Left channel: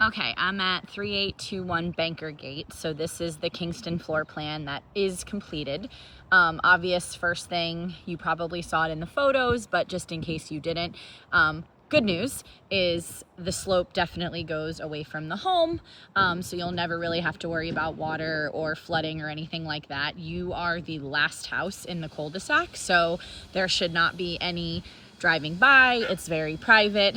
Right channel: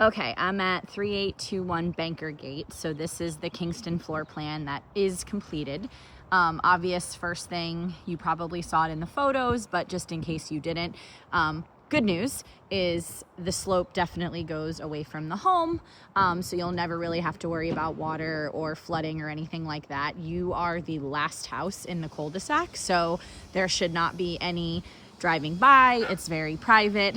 Okay, I'm at 3821 Bankergate. So this is the Kingston floor plan that is completed. Obvious first thing, you probably saw it in the photos, but just in case you didn't, good news is the slope definitely goes away from the home. So you'll never really have to worry about water or flooding or anything like that. You are the last house in the cul-de-sac, so there should not be any driving by. It's very private.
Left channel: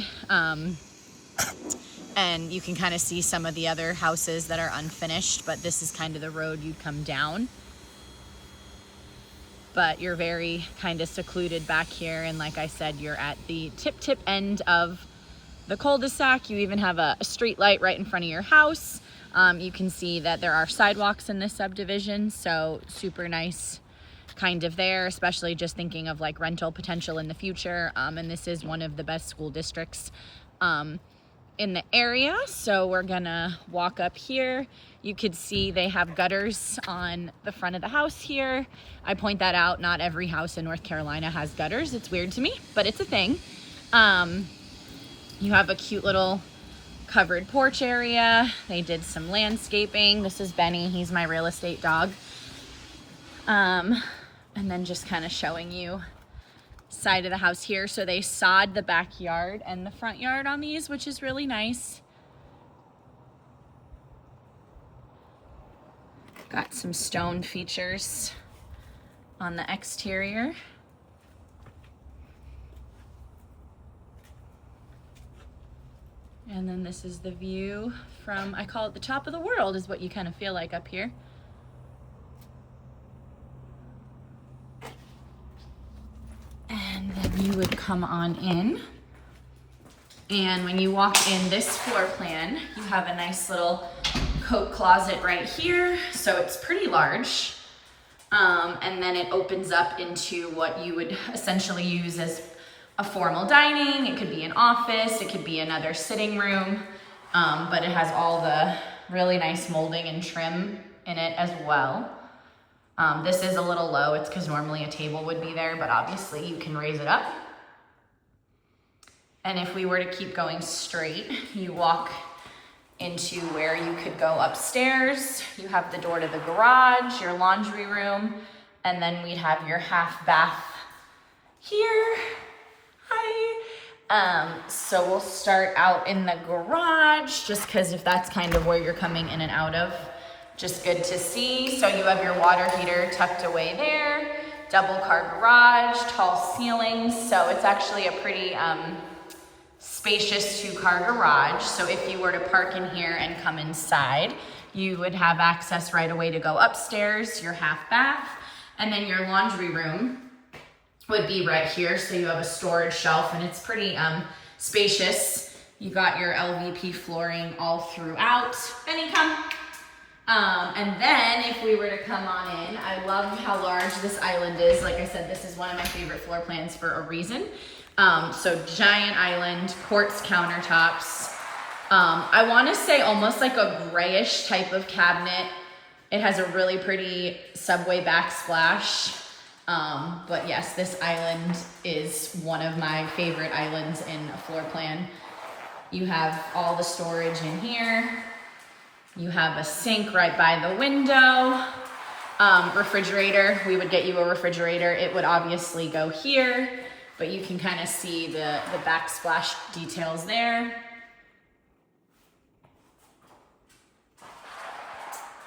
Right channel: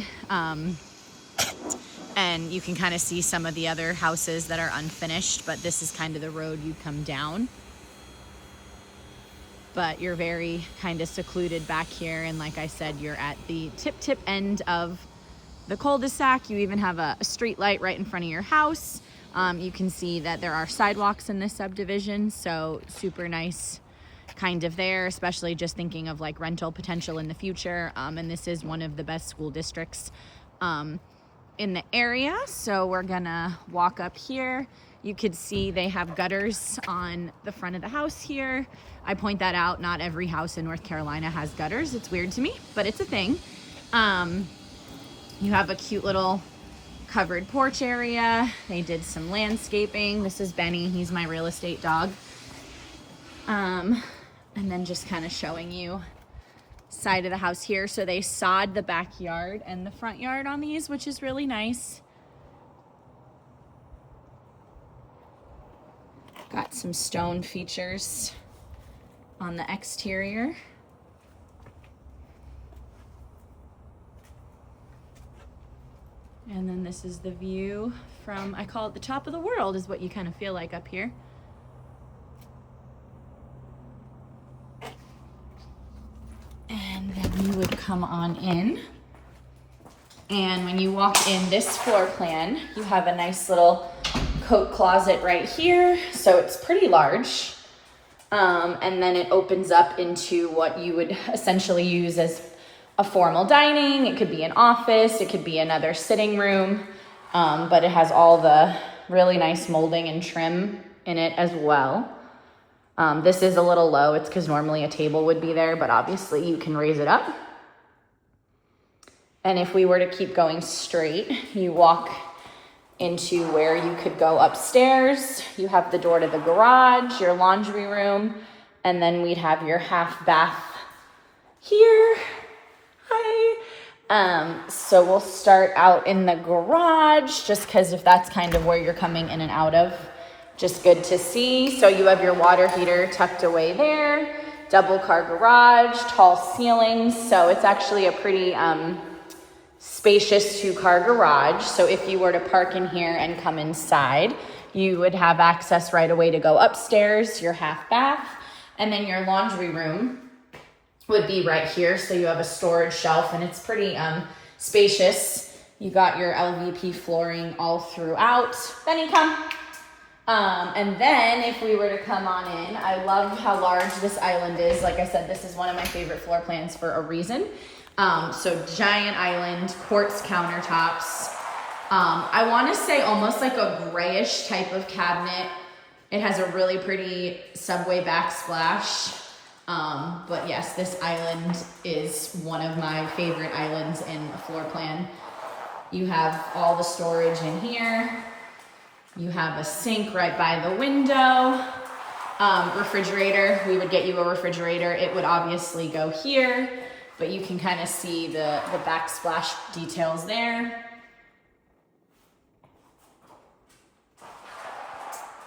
And you can kind of see some of the other houses that are unfinished, but this is kind of the road you come down. But you're very kind of secluded back here, and like I said, you're at the tip end of the cul-de-sac. You even have a street light right in front of your house. You can see that there are sidewalks in this subdivision, so super nice kind of there, especially just thinking of like rental potential in the future. And this is one of the best school districts in the area. So we're gonna walk up here. You could see they have gutters on the front of the house here. I point that out, not every house in North Carolina has gutters. It's weird to me, but it's a thing. You have a cute little covered porch area. They did some landscaping. This is Benny, he's my real estate dog. And then just kind of showing you side of the house here. So they sod the backyard and the front yard on these, which is really nice. Got some stone features on the exterior. And then this is the view from, I call it the top of the world, is what you kind of feel like up here. And then you would come on in. And when you walk in this floor plan, you have a nice little coat closet right here. So it's pretty large. And then it opens up into what you would essentially use as a formal dining. It could be an office, it could be another sitting room, but it has all the really nice molding and trim in it as well. This is a little low. It's because normally a table would be there, but obviously you can raise it up. And if we were to keep going straight, you walk into where you could go upstairs. You have the door to the garage, your laundry room, and then we'd have your half bath here. Hi. So we'll start out in the garage, just because if that's kind of where you're coming in and out of, just good to see. So you have your water heater tucked away there, double car garage, tall ceilings. So it's actually a pretty spacious 2-car garage. So if you were to park in here and come inside, you would have access right away to go upstairs, your half bath, and then your laundry room would be right here. So you have a storage shelf, and it's pretty spacious. You got your LVP flooring all throughout. Benny, come. And then if we were to come on in, I love how large this island is. Like I said, this is one of my favorite floor plans for a reason. So giant island, quartz countertops. I want to say almost like a grayish type of cabinet. It has a really pretty subway backsplash. But yes, this island is one of my favorite islands in a floor plan. You have all the storage in here. You have a sink right by the window. Refrigerator, we would get you a refrigerator. It would obviously go here, but you can kind of see the backsplash details there.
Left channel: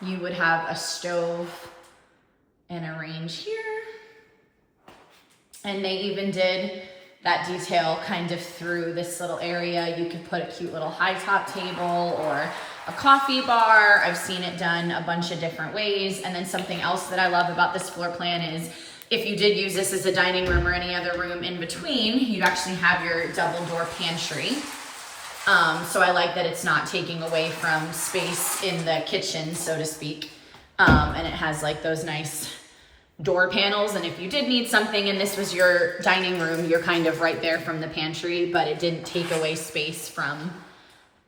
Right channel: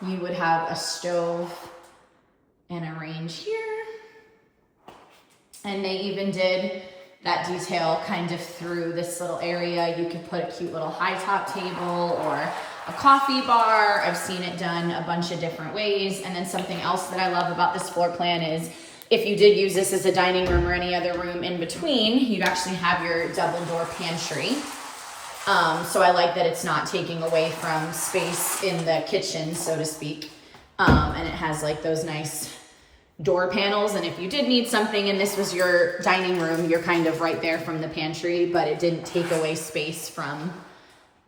You would have a stove and a range here. And they even did that detail kind of through this little area. You could put a cute little high top table or a coffee bar. I've seen it done a bunch of different ways. And then something else that I love about this floor plan is if you did use this as a dining room or any other room in between, you'd actually have your double door pantry. So I like that it's not taking away from space in the kitchen, so to speak. And it has like those nice door panels, and if you did need something and this was your dining room, you're kind of right there from the pantry, but it didn't take away space from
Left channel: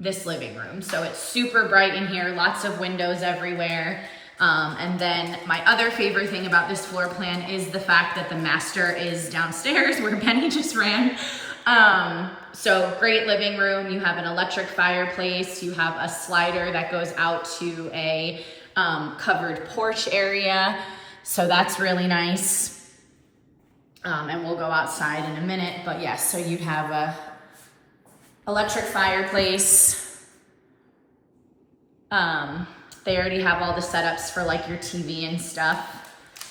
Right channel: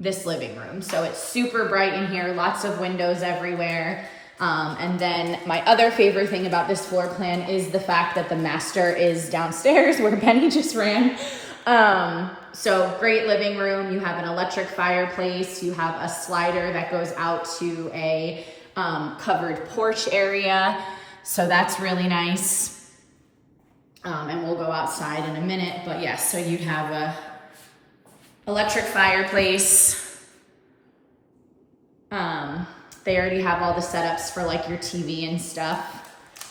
this living room. So it's super bright in here, lots of windows everywhere. And then my other favorite thing about this floor plan is the fact that the master is downstairs where Benny just ran. So great living room. You have an electric fireplace. You have a slider that goes out to a covered porch area. So that's really nice. And we'll go outside in a minute, but yes, so you'd have a electric fireplace. They already have all the setups for like your TV and stuff.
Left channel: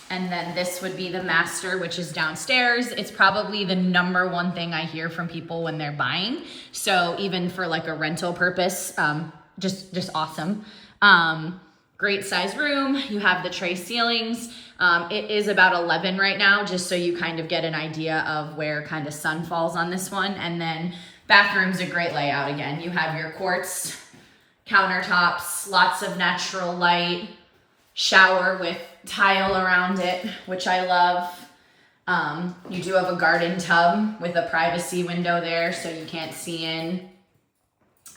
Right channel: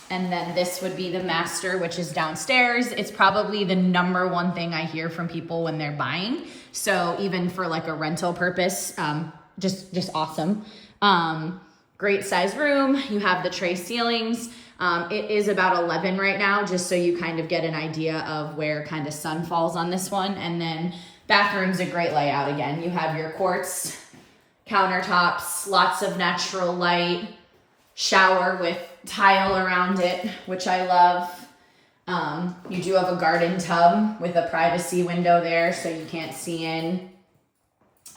And then this would be the master, which is downstairs. It's probably the number one thing I hear from people when they're buying. So even for like a rental purpose, just awesome. Great size room. You have the tray ceilings. It is about 11 right now, just so you kind of get an idea of where kind of sun falls on this one. And then bathroom's a great layout again. You have your quartz countertops, lots of natural light, shower with tile around it, which I love. You do have a garden tub with a privacy window there so you can't see in.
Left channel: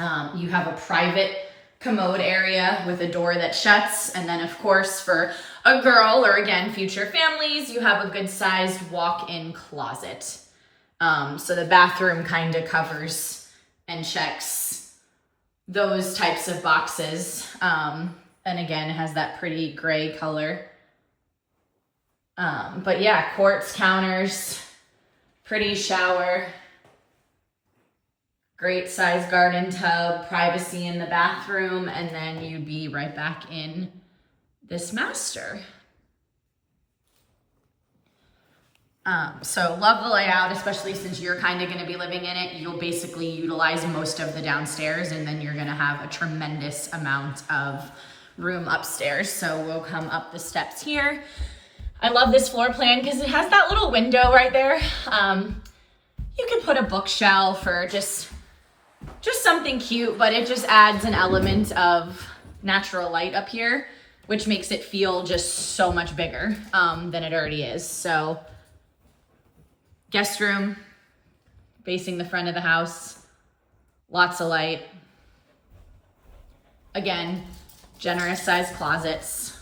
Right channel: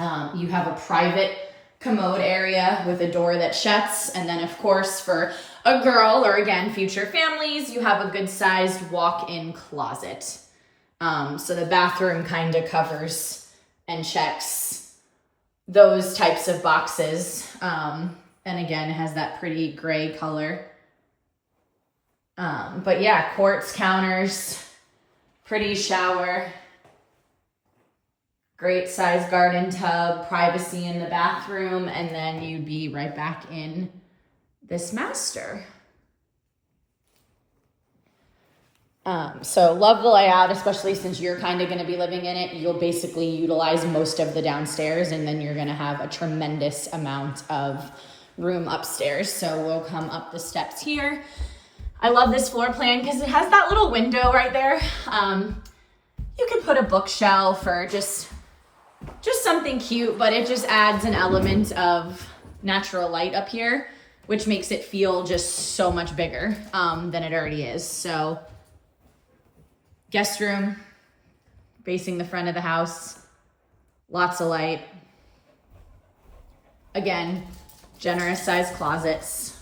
You have a private commode area with a door that shuts. And then of course for a girl or again, future families, you have a good sized walk-in closet. So the bathroom kind of covers and checks those types of boxes. And again, it has that pretty gray color. But yeah, quartz counters, pretty shower, great size garden tub, privacy in the bathroom, and then you'd be right back in this master. So love the layout, especially since you're kind of going to be living in it. You'll basically utilize most of the downstairs, and then you're going to have a tremendous amount of room upstairs. So we'll come up the steps here. I love this floor plan because it has that little window right there. You can put a bookshelf or just something cute, but it just adds an element of natural light up here, which makes it feel just so much bigger than it already is. So guest room facing the front of the house, lots of light. Again, generous sized closets.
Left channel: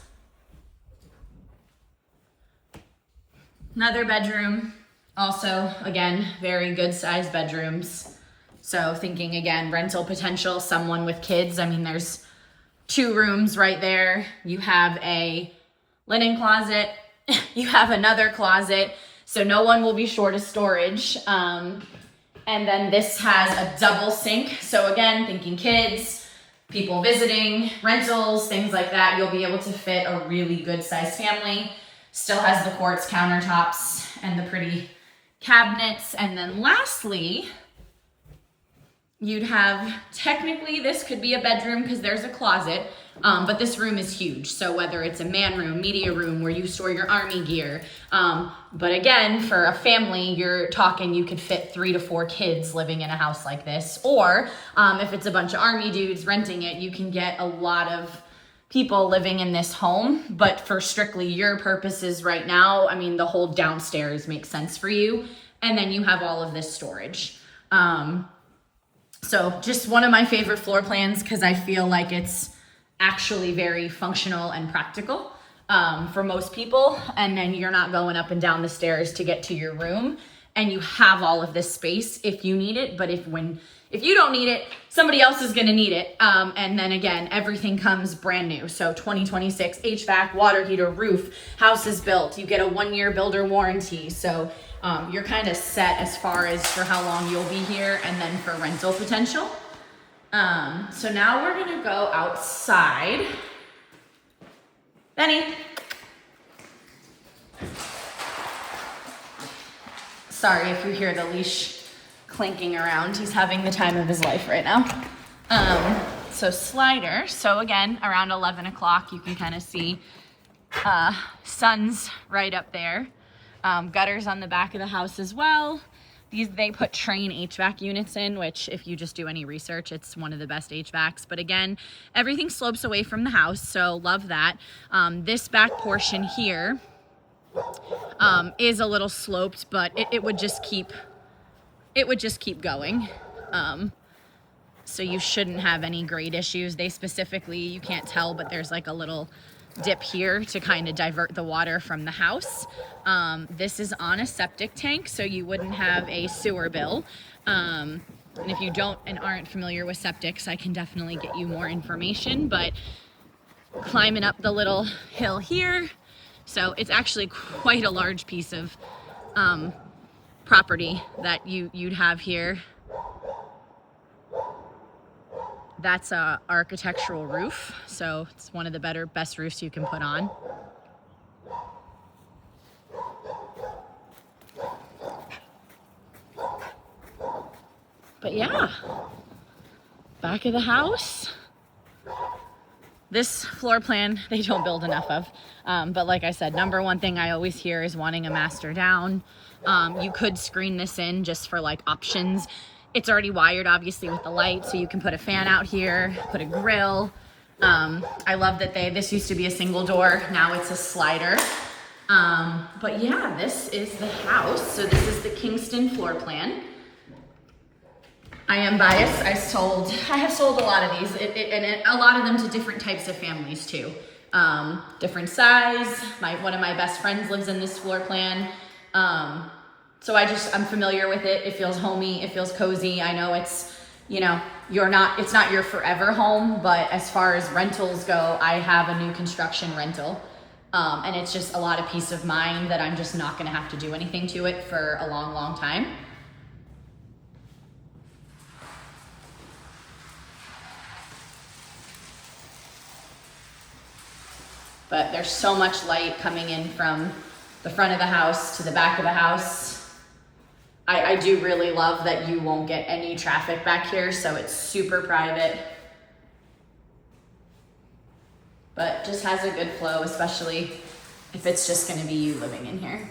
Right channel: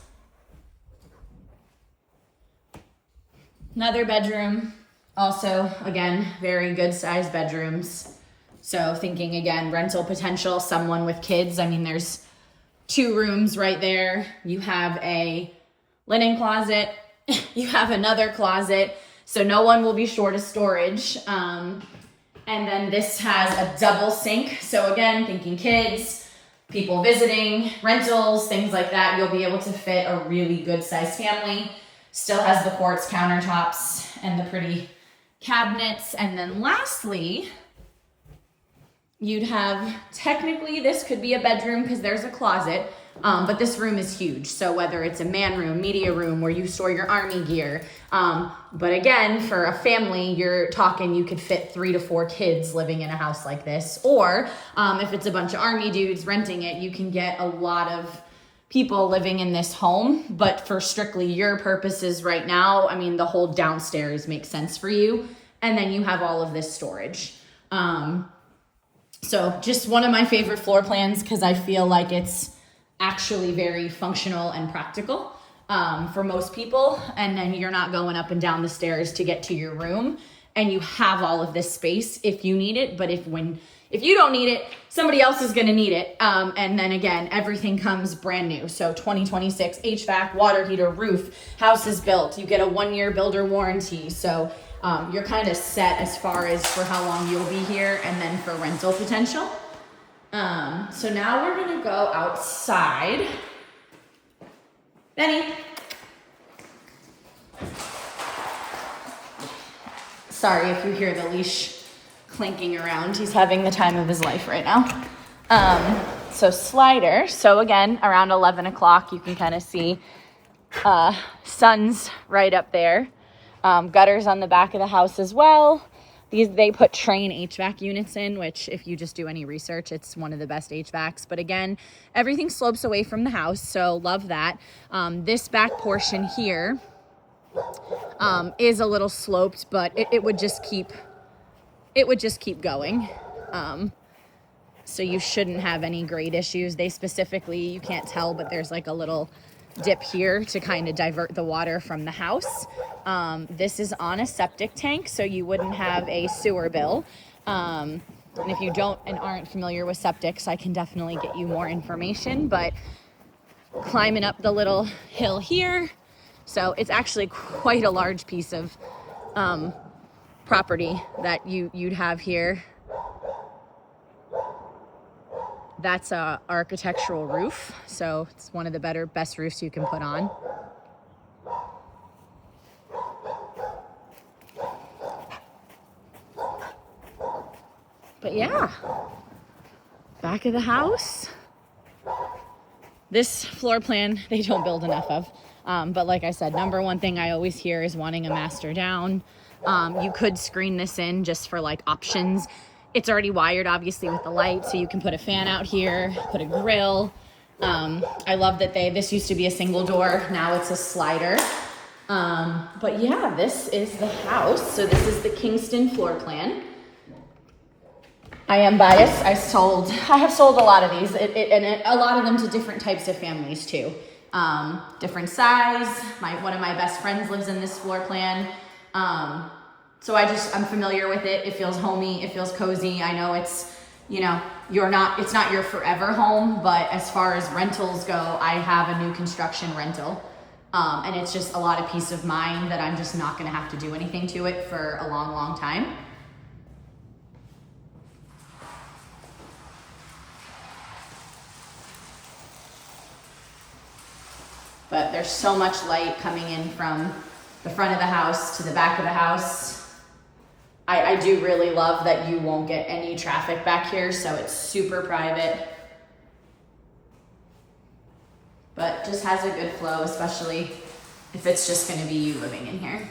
Another bedroom, also, again, very good sized bedrooms. So thinking again, rental potential, someone with kids. I mean, there's 2 rooms right there. You have a linen closet. You have another closet. So no one will be short of storage. And then this has a double sink. So again, thinking kids, people visiting, rentals, things like that, you'll be able to fit a really good sized family. Still has the quartz countertops and the pretty cabinets. And then lastly, you'd have, technically this could be a bedroom because there's a closet, but this room is huge. So whether it's a man room, media room where you store your army gear, but again, for a family, you're talking you could fit 3 to 4 kids living in a house like this. Or if it's a bunch of army dudes renting it, you can get a lot of people living in this home. But for strictly your purposes right now, I mean, the whole downstairs makes sense for you. And then you have all of this storage. So just one of my favorite floor plans because I feel like it's actually very functional and practical for most people. And then you're not going up and down the stairs to get to your room, and you have all of this space if you need it. But if you don't need it, somebody else is going to need it. And then again, everything comes brand new. So 2026 HVAC, water heater, roof, house is built. You get a 1-year builder warranty. So you're kind of set as far as for how long you'll be here and then for rental potential. So now we're going to go outside. Benny. Sorry if you hear the leash clinking around. He's having the time of his life right now. So slider. So again, around 11 o'clock, you can kind of see sun's right up there. Gutters on the back of the house as well. They put Train HVAC units in, which if you just do any research, it's one of the best HVACs. But again, everything slopes away from the house, so love that. This back portion here is a little sloped, but it would just keep going. So you shouldn't have any grade issues. They specifically, you can't tell, but there's like a little dip here to kind of divert the water from the house. This is on a septic tank, so you wouldn't have a sewer bill. And if you don't and aren't familiar with septics, I can definitely get you more information, but climbing up the little hill here. So it's actually quite a large piece of property that you'd have here. That's a architectural roof, so it's one of the best roofs you can put on. But yeah, back of the house. This floor plan, they don't build enough of. But like I said, number one thing I always hear is wanting a master down. You could screen this in just for like options. It's already wired obviously with the light, so you can put a fan out here, put a grill. I love that this used to be a single door, now it's a slider. But yeah, this is the house. So this is the Kingston floor plan. I am biased. I have sold a lot of these, a lot of them to different types of families too. Different size. One of my best friends lives in this floor plan. So I'm familiar with it. It feels homey. It feels cozy. I know it's not your forever home, but as far as rentals go, I have a new construction rental. And it's just a lot of peace of mind that I'm just not going to have to do anything to it for a long, long time. But there's so much light coming in from the front of the house to the back of the house. I do really love that you won't get any traffic back here, so it's super private. But just has a good flow, especially if it's just going to be you living in here.